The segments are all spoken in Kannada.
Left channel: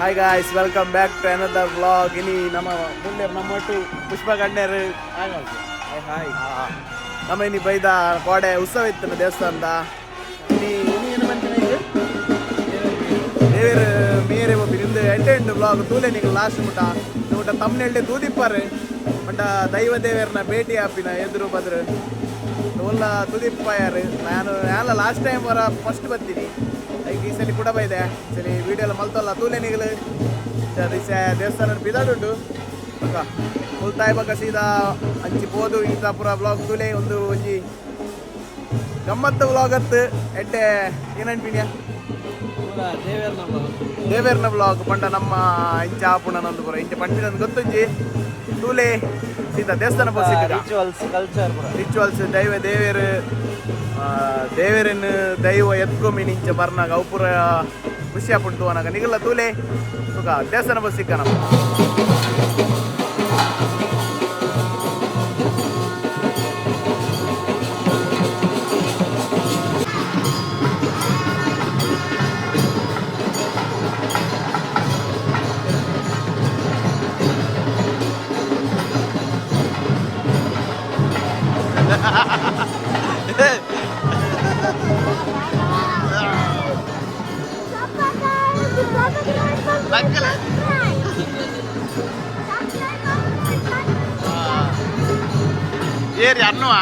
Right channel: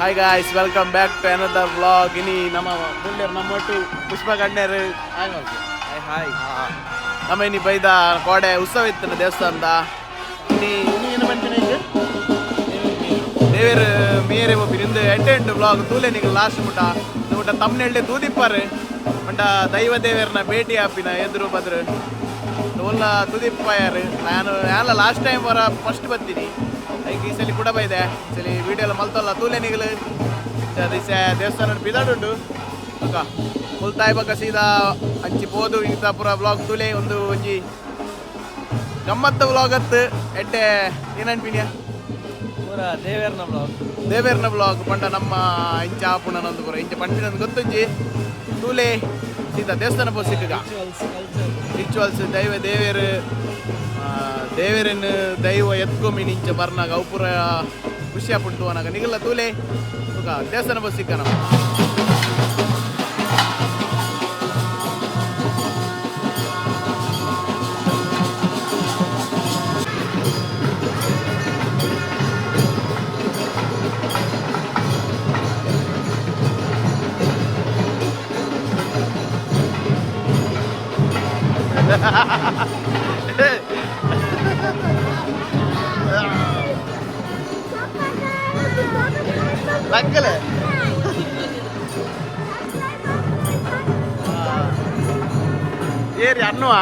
Hi guys, welcome back to another vlog. ಇನಿ ನಮ್ಮ ಮುಂದೆ ನಮ್ಮೊಟ್ಟು ಪುಷ್ಪ ಗಣ್ಯರು ಹಾಯ್ ಮಾಡ್ತೀವಿ. ಹಾಯ್ ನಮ್ಮ ಇನಿ ಬೈದ ಕೋಡೆ ಉತ್ಸವ ಇತ್ತು ದೇವಸ್ಥಾನದ. ಇನಿ ಏನು ಬಂತೀನಿ ಈಗ ದೇವರ ಮೇರೆ ಒಬ್ಬಿ ನಿಂದು ಎಂಟು ವ್ಲಾಗ್ ತೂಲೆ ನೀವು ಲಾಸ್ಟ್ ಮುಟ್ಟ ತಮ್ಮನೆಳ್ಳೆ ತೂದಿಪ್ಪಾರು ಮಂಟ ದೈವ ದೇವರನ್ನ ಭೇಟಿ ಆಪಿನ ಎದುರು ಬದ್ರು ಒಲ್ಲ ತುದಿಪ್ಪಾಯಾರು. ನಾನು ಲಾಸ್ಟ್ ಟೈಮ್ ವರ ಫಸ್ಟ್ ಬರ್ತೀನಿ. ಈಗ ಈ ಸಲ ಕೂಡ ಬೈದೆ ಈ ಸಲ ವೀಡಿಯೋ ಎಲ್ಲ ಮಲ್ತಲ್ಲ ತೂಲೆ ನಿಗಲು ದಿವಸ ದೇವಸ್ಥಾನ ಬಿದಾಡುಂಡು ಅಕ್ಕ ಮುಲ್ತಾಯಿ ಬಕ್ಕ ಸೀದಾ ಹಂಚಿ ಬೋದು ಇಂಥ ಪೂರ ಬ್ಲಾಗ್ ತೂಲೆ ಒಂದು ಒಂಜಿ ಗಮ್ಮತ್ತು ಬ್ಲಾಗ್ ಅತ್ತು ಎಡ್ಡೆ ಏನನ್ಪಿನ್ಯಾ ದೇವೇರ್ನ ಬ್ಲಾಗ್ ಪಂಡ ನಮ್ಮ ಇಂಚ ಆಪುಣನೊಂದು ಪುರ ಇಂಚ ಪಂಡಿನೊಂದು ಗೊತ್ತುಂಜಿ ತೂಲೆ ಸೀದಾ ದೇವಸ್ಥಾನ ಬೋಸಿಕ್ಕ ರಿಚುವಲ್ಸ್ ದೇವೇರನ್ನು ದೈವ ಎತ್ಕೊಮಿ ನಿಂಚ ಬರ್ನಾಗ ಅವು ಪೂರ ಖುಷಿ ಆಪುಂಟು ಅನ್ನಾಗ ನಿಗಲ್ಲ ತೂಲೆ ದೇವಸ್ಥಾನ ಬಸ್ ಸಿಕ್ಕ ನಮ್ಮ ಲಕ್ಕಲೆ ಏರಿ ಅನ್ನುವ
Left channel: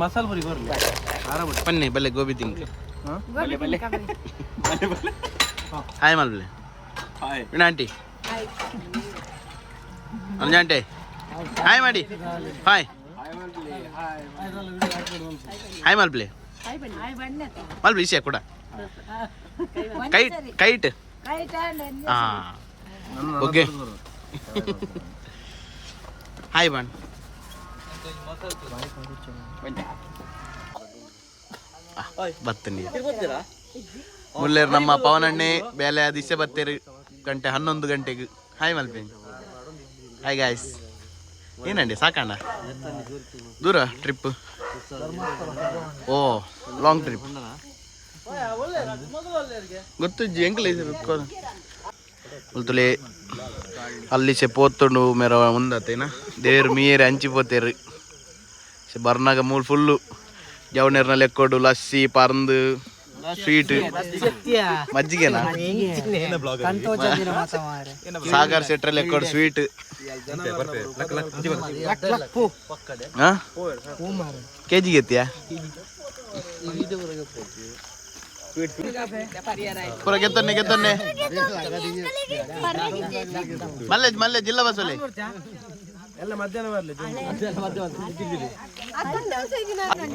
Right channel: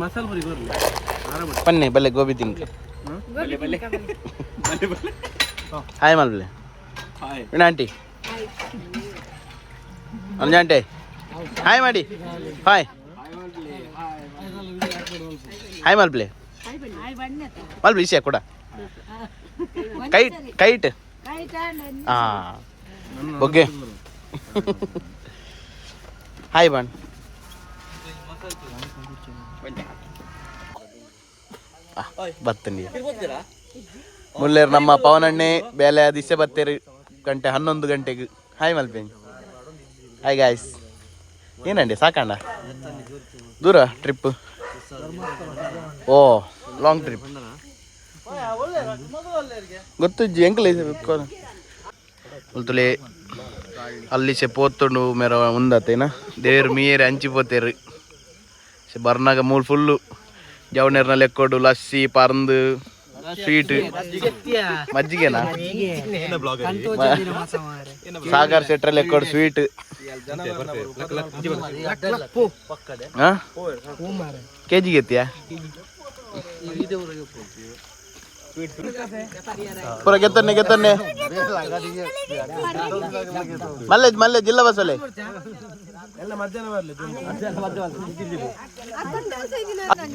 ಮಸಾಲ ಪುರಿ ಬರ್ಲಿ ಪನ್ನೆ ಬಲ್ಲೆ ಗೋಬಿ ತಿಂಕ ಹಾಯ್ ಮಲ್ಬಲೆ ಹಾಯ್ ಆಂಟಿ ಅಂಜಾಂಟೆ ಹಾಯ್ ಮಾಡಿ ಹಾಯ್ ಹಾಯ್ ಮಲ್ಬಲೆ ಮಲ್ಬಲೆ ಇಶೆ ಕೂಡ ಕೈಟ್ ಕೈಟ್ ಹಾ ಓಕೆ ಹಾಯ್ ಬನ್ ಬರ್ತೀನಿ ಮುಲ್ಲೇರು ನಮ್ಮ ಪವನಣ್ಣೆ ಬೇಲೆ ದಿಸೆ ಬರ್ತೇರು ಗಂಟೆ 11 ಗಂಟೆಗೆ. ಹಾಯ್ ಮಲ್ಪೇನ್ ಹಾಯ್ ಗಾಯ್ಸ್. ಏನಂಡಿ ಸಾಕಂಡ ದೂರ ಟ್ರಿಪ್? ಓ ಲಾಂಗ್ ಟ್ರಿಪ್ ಗೊತ್ತುಜ್ಜಿ ಎಂಕಲ್ ಉಲ್ತುಲೆ ಅಲ್ಲಿ ಸೆ ಪೋತುಂಡು ಮೇರ ಮುಂದತ್ತೇನ ದೇವ್ರು ಮೀರೆ ಹಂಚಿಪೋತೇರು ಬರ್ನಾಗ ಮೂಲ್ ಫುಲ್ಲು ಜವನೇರ್ನಲ್ಲಿ ಎಕ್ಕೋಡು ಲಸ್ಸಿ ಪರಂದು ಸ್ವೀಟ್ ಮಜ್ಜಿಗೆನಾ ಸಾಗರ್ ಸೆಟ್ರಲ್ಲಿ ಎಕ್ಕೋಡು ಸ್ವೀಟ್ ಕೆಜಿಗೆ ಎತ್ತಿಯಾ ಪೂರ ಗೆತ್ತನ್ನೆ ಮಲ್ಲೆ ಜಿಲ್ಲಾ ಬಸ್ಸಲ್ಲಿ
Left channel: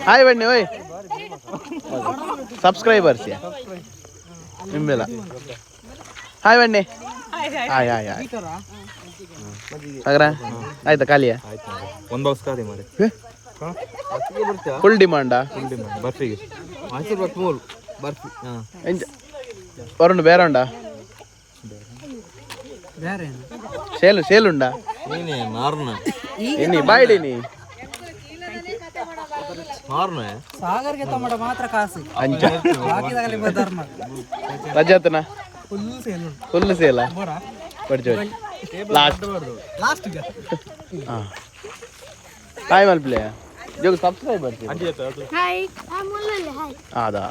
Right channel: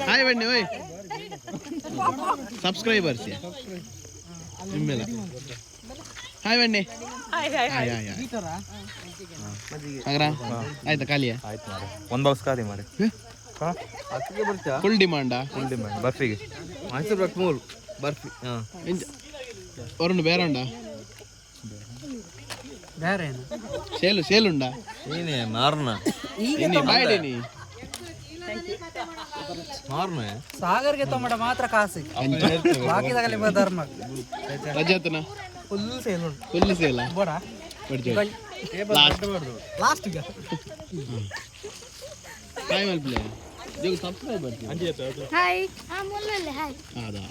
ಹಾಯ್ ಬನ್ನಿ ಓಯ್ ಸಬ್ಸ್ಕ್ರೈಬರ್ಸ್ ನಿಮ್ಮೆಲ್ಲ ಹಾಯ್ ಬನ್ನಿ ಹಾಯ್ ಹಾಯ್ ಹಾಯ್ ಆಯ್ತಾ ಖಾಲಿಯಾ ಒಂದು ಬಾಕ್ಸ್ ಖಾಲಿ ಮಾಡಿ ಫುಲ್ ಡಿಮಾಂಡಾ ಬರ್ಫಿಗೆ ಬರ್ಫಿ ವರುಣ್ ಬೇರೆ ಉಂಡಾ ಸೇಲುಂಡಾ ಬಾಯ್ಡೇನಿ ಸಾಗರ್ಗೆ ಟೊಮೆಟೊ ಮಾತ್ರ ಕಾಸು ರಜಾತನ ಫುಲ್ ಸೇಲ ಲಾಸ್ಟ್ ಹಾಯ್ ಮಲ್ಪ್ಲೆ ಜೋಗ ಸಬ್ಸ್ಕ್ರೈಬರ್ ಹಾಯ್ ಅದಾ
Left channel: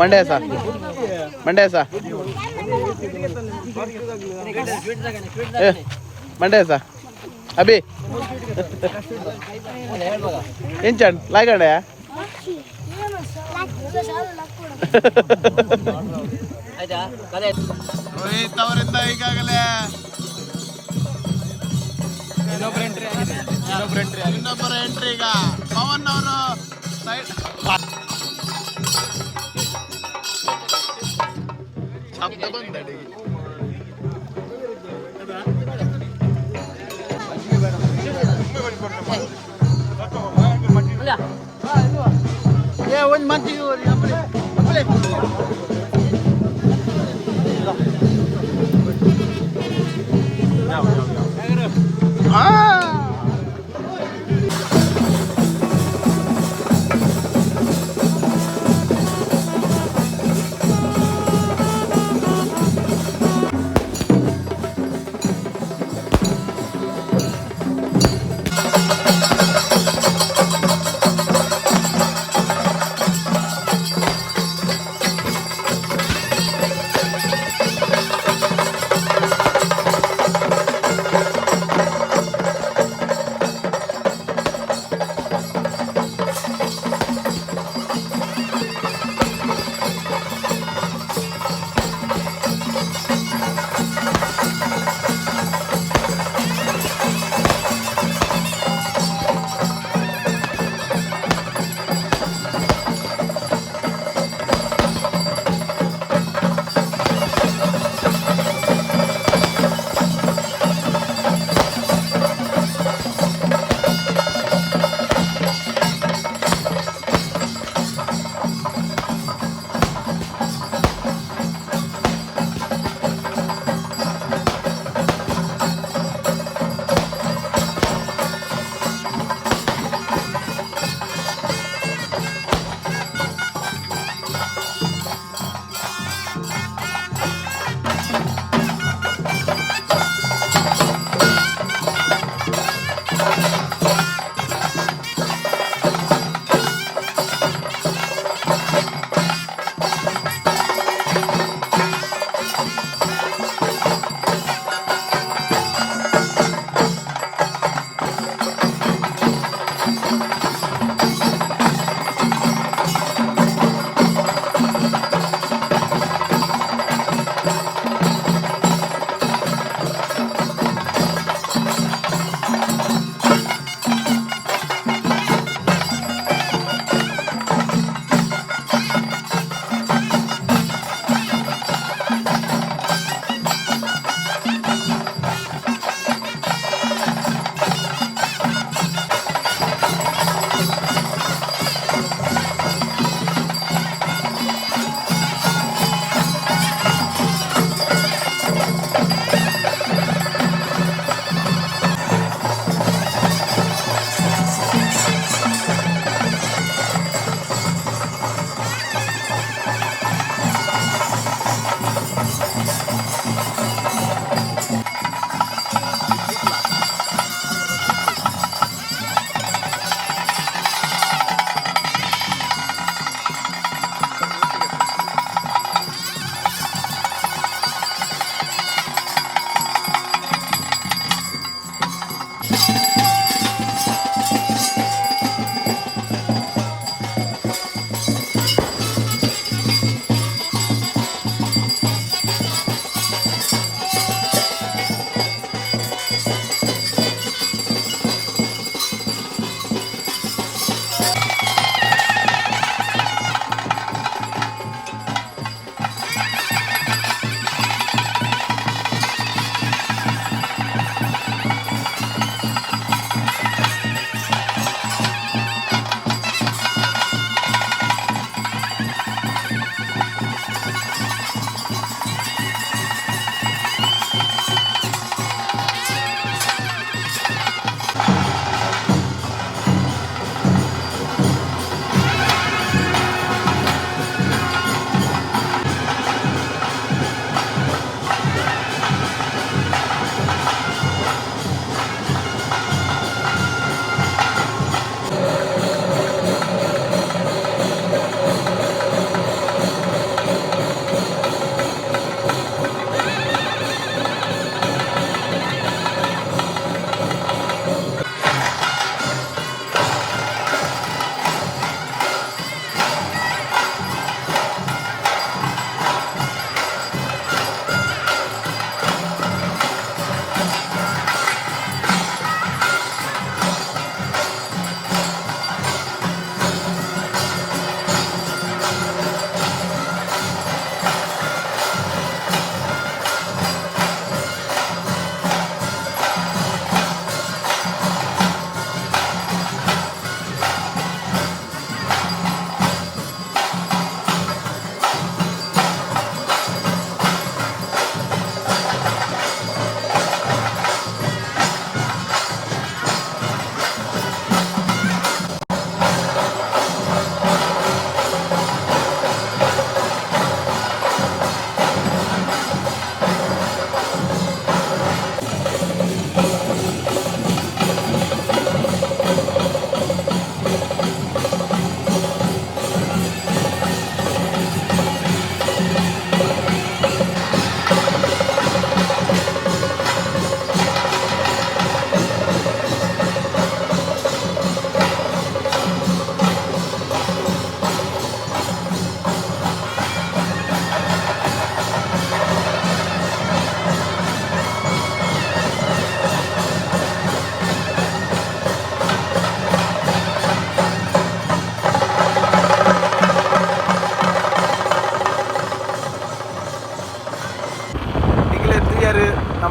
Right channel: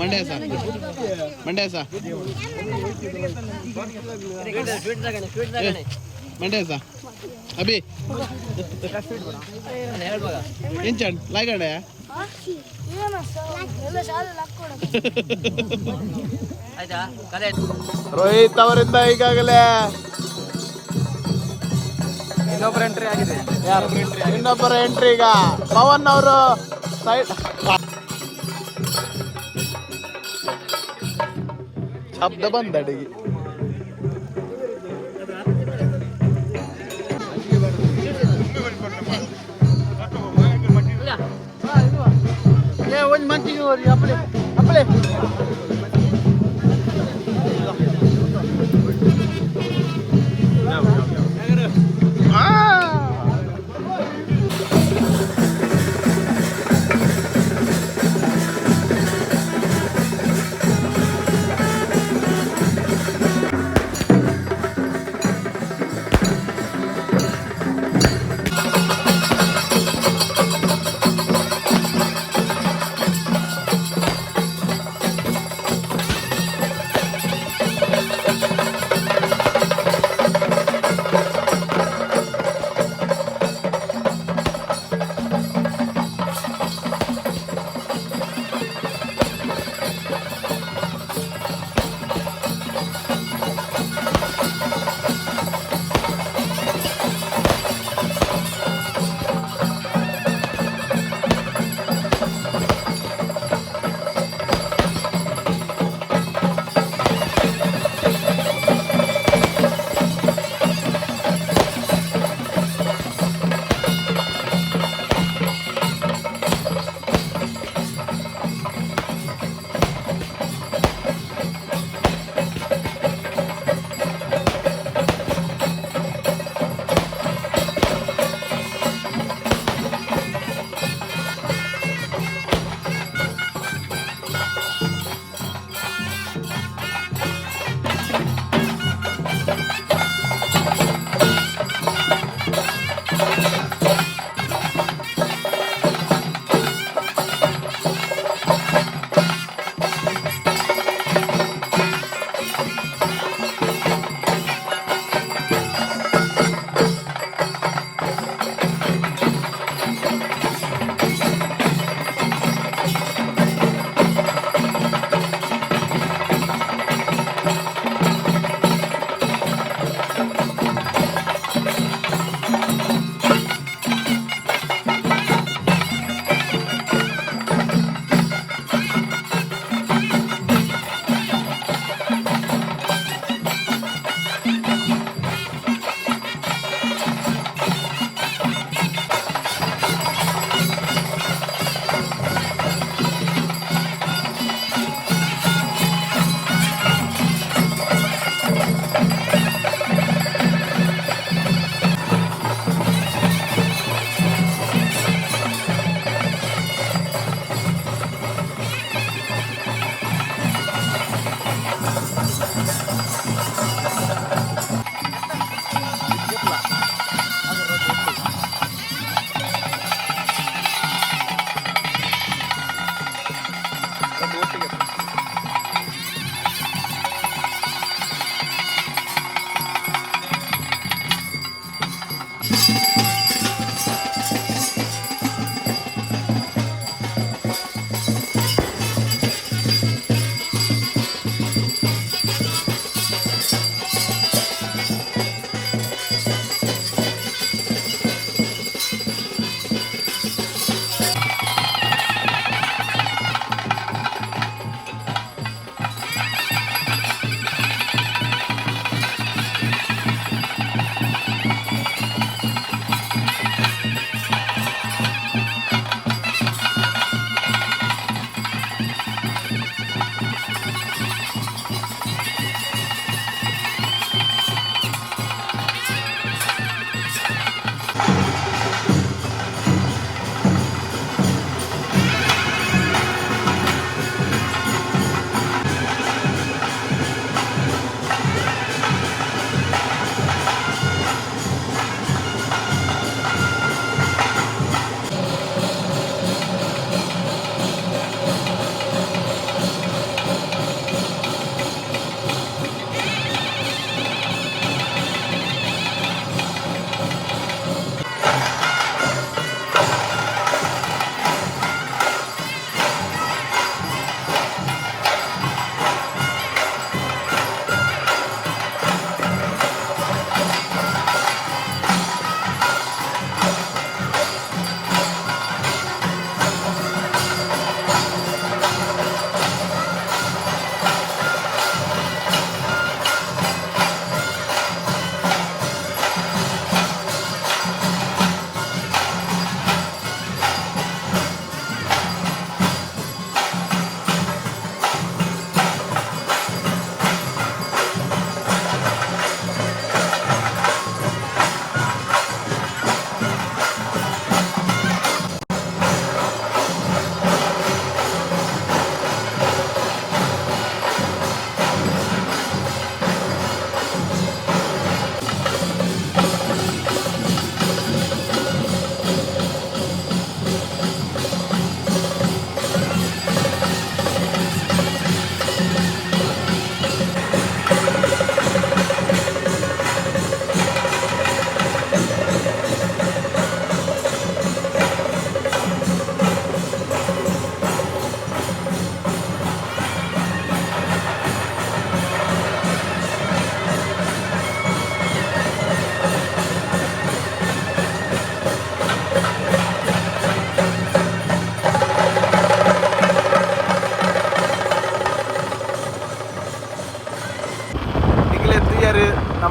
ಮಂಡ್ಯ ಸಾ ಮಂಡ್ಯ ಸಾ ಮಂಡ್ಯ ಸಾ ಅಭಿ ಏನ್ ಚಂಡ್ ಲಾಗಡೆ ರೋಹಿತ್ ಅವರಿಂದ ಈಗಾಗಲೇ ಇನ್ನೊಬ್ಬರ ಎಂಟ್ರಿ ಈಗ ಪವನ್ ಅವರು ಸೈಡ್ ಶಬ್ದ ಬಂದ ಅಡಿಗೆ ಒಂದು ಮಂತಿಗೆ ಹೋಗಿ ಅಪ್ಪಳೆ ಅಪ್ಪಳೆ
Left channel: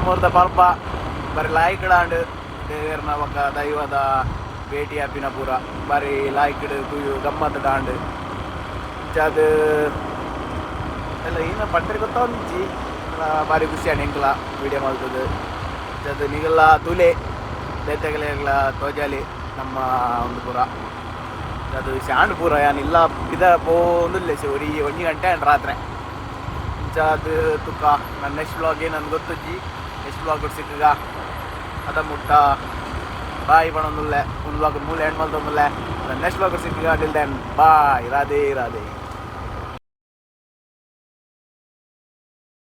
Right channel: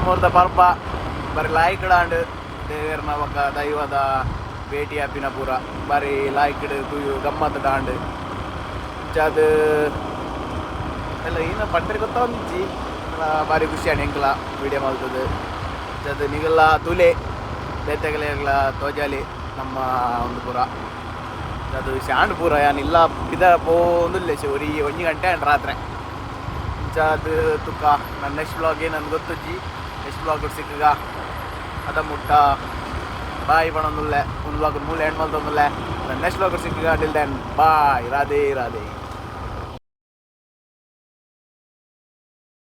ನಮ್ಮೂರ್ದ ಪರ್ಬ ಬರೀ ಲಾಯ್ಕಡಾಂಡ್ ದೇವೇರ್ನ ಒಕ್ಕ ದೈವದ ಭೇಟಿ ಆಪಿನ ಪೂರ ಬಾರಿ ಲಾಯ್ಕಡ್ ತುಯು ಗಮ್ಮತ್ ಡಾಂಡ್ ಅದು ಎಲ್ಲ ಏನು ಪಂಡ್ರಿ ಗೊತ್ತಾವಂದಿಚ್ಚಿ ಬಾರಿ ಖುಷಿ ಆಂಡ್ ಎಂಕ್ಲ ವೀಡಿಯೋ ಮಾಡ್ತದೆ ಅದು ನಿಗಲ್ಲ ತುಲೆ ಬೇತೆಗಲೆಲ್ಲ ತೋಜಾಲಿ ನಮ್ಮ ಒಂದು ಪೂರ ಅದು ಶಾಂಡ್ ಪೂರ ಏನಿಲ್ಲ ಇದ ಪೋಂದಿಲ್ಲ ಒಂದು 1 ಗಂಟೆ ಅಂಡ್ ರಾತ್ರಿ ಅದು ತುಕ್ಕ ನನ್ನ ನೆಕ್ಸ್ಟ್ ಬ್ಲಾಗ್ ಏನಂದು ಗೊತ್ತಜ್ಜಿ ನೆಕ್ಸ್ಟ್ ಬ್ಲಾಗ್ ಸಿಕ್ಕಗ ಅದ ಮುಟ್ಟ ಬಾಯ್ ಬಣೊಂದುಲ್ಲೆ ಒಂದು ಬ್ಲಾಗ್ ಮೂಲೆ ಹೆಣ್ಣು ಮಲ್ತೊಂದುಲ್ಲೆ ನನ್ನ ನೆಕ್ಸ್ಟ್ ಬ್ಲಾಗ್ ಸಿಕ್ಕಗ till then bye Radhe Radhe.